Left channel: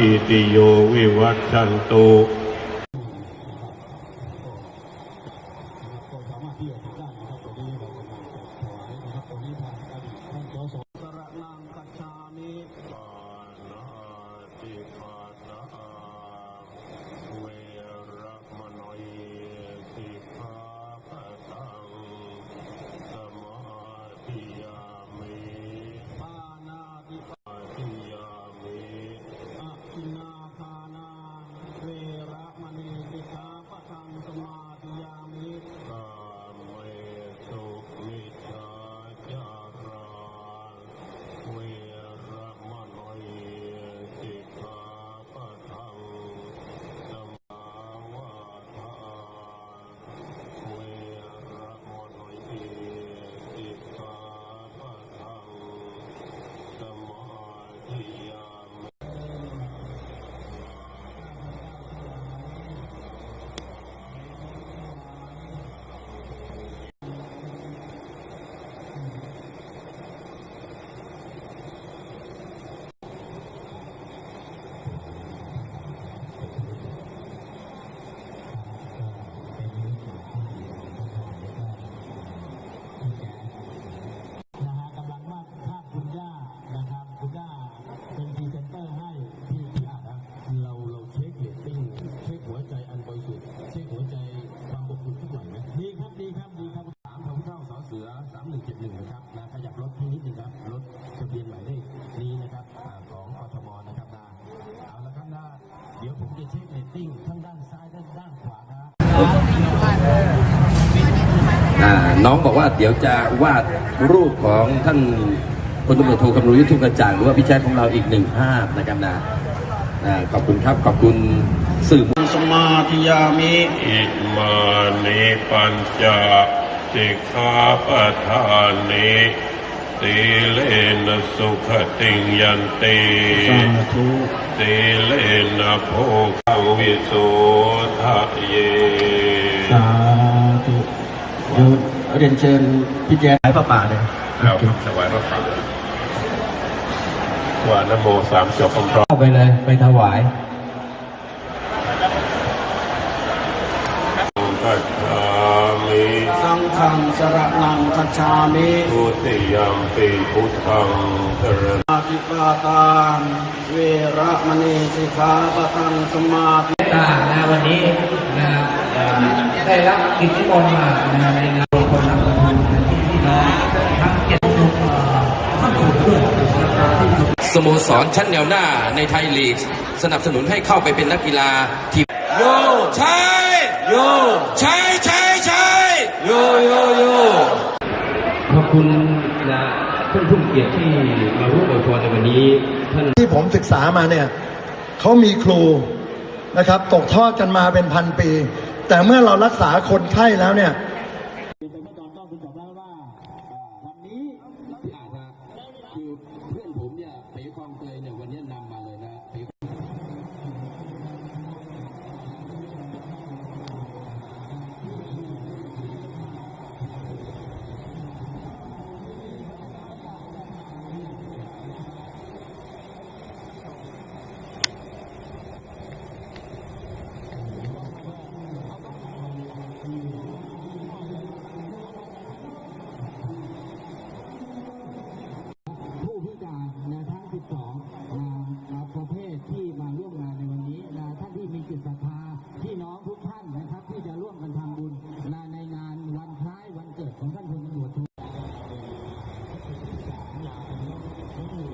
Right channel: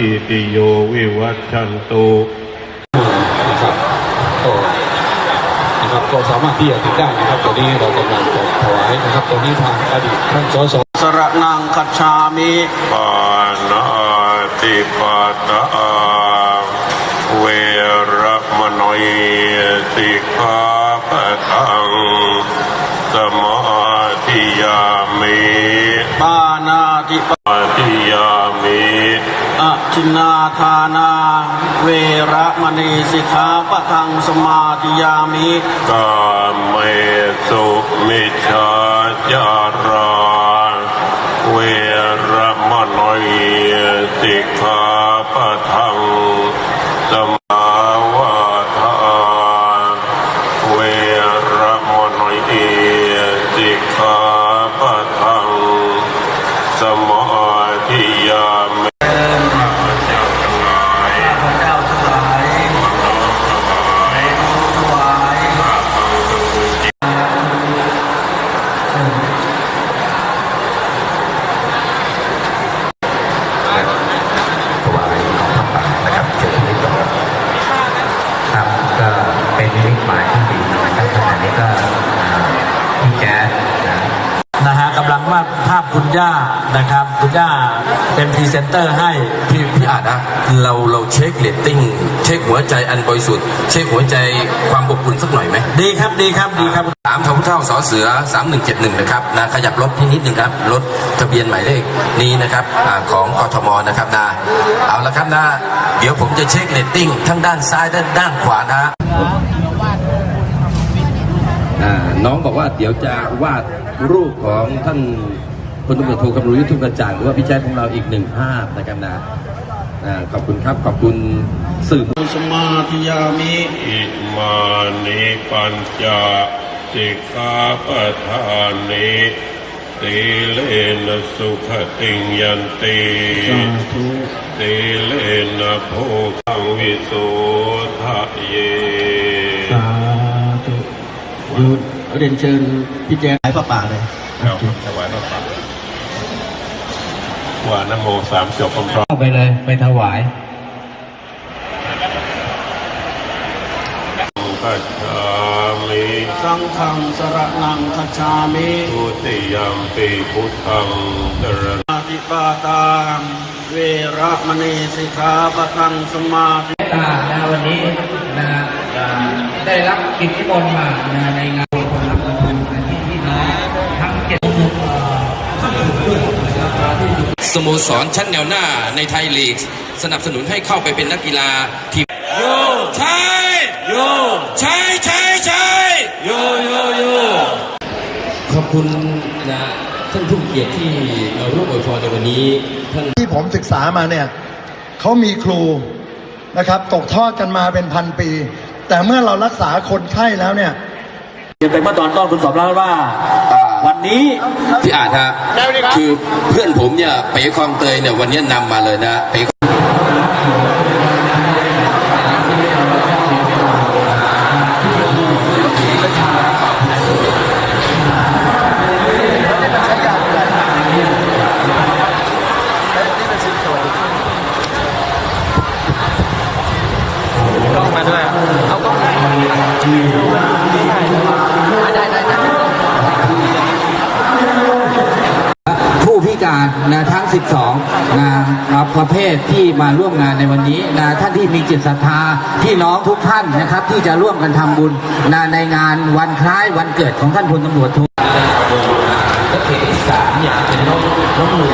หิติโยวิวัชชันตุนะครับก็นะครับก็สามารถที่จะติดได้นะครับตอนนี้เรากำลังถวายนะครับตอนนี้ทางอดีตท่านสสสระนังคัจฉามิปานาติปาตาเวระมโนยติคาปะทัง ชินนาทานา เวระมณีสิกขาปะทังสมาธิยามิกาเม เป็นนิมิตหมายที่ดีนะครับขณะนี้ก็อ่าพี่แจ๊สนะนะฮะกำลังวาดภาพคุณย่านะครับ คุณย่าเป็นพรีเซนเตอร์ให้ พี่พี่อาจนะเราเราเช็คเรตติ้ง เช็คหัวใจอันบริสุทธิ์เช็คหัวใจความอบอุ่นสักหน่อยไหมดีครับดีครับดีครับสามทพเท่าสอเสือ 3171 นะครับนะขยับรถที่นิดนึงครับ รถทะเบียนหมายเลขนี้นะครับอาของกทมนะครับนะเอาละครับนะ เดี๋ยวผมจะเช็คเรตติ้งทั้งด้านซ้ายด้านด้านขวานะฮะอ่า น้องบอกว่าเดี๋ยวจะวาดรูปของท่านพลตำรวจโทคำนุยุทธทุกกระจ่างหรือว่าพี่แจ๊คของเราอีกหนึ่งภาพนะครับนะอ่าขอบคุณครับขอบคุณสื่อสมาธิยามิอิมานิปัญจสิกขาปทานิสีเลนะสุขติงยันติสาธุสีเลนะโภคังวิโสทะเยสาธุ เดี๋ยวเรียนเชิญพี่แจ๊สพระป่าเลยแล้วถวายพระป่าว่านะโมสามจบพร้อมเข้าไปเลย ไปถวายๆกัจฉามิสังฆังสระนังคัจฉามิทุติยมปีพุทธังสรณอาติปาตามเวระมณีสิกขาปะทังสมาธิต่างนะวันนี้นะเอ่อได้รับกิจนิมนต์มามาในงาน สโมสรชั้นแนวหน้าในไทยลีก สนับสนุนให้เข้าไปเป็นนักกีฬาทีมโยใช่โยใช่ใช่ใช่โยโยโยขอบคุณนะท่านผู้เกียรติที่มาร่วมอวยพรในวันนี้ท่านที่ผมศึกษามาเนี่ยเขามีครูนะครับ ตกทอดกันมาเป็นพันปี แต่เมื่อเรารักษาคนไข้แล้วเนี่ยเรียนไปเมื่อตอนต้นคุณสอบแล้วว่า วันนี้พี่อาจฮะคือเพื่อนผมเนี่ยเป๋คลองเตยเนี่ยวันนี้นำมาเลยนะเป๋ นะทั้ง 12นะครับประเภทที่มาร่วมงานในวันนี้นะท่านที่มีจิตศรัทธาพี่น้องทุกท่านนะครับ ที่จะร่วมกันทำบุญนะในงานวันคล้ายวันเกิดของท่านพลตำรวจโทก็เขตที่สามเนี่ยเป็นน้องน้องหนู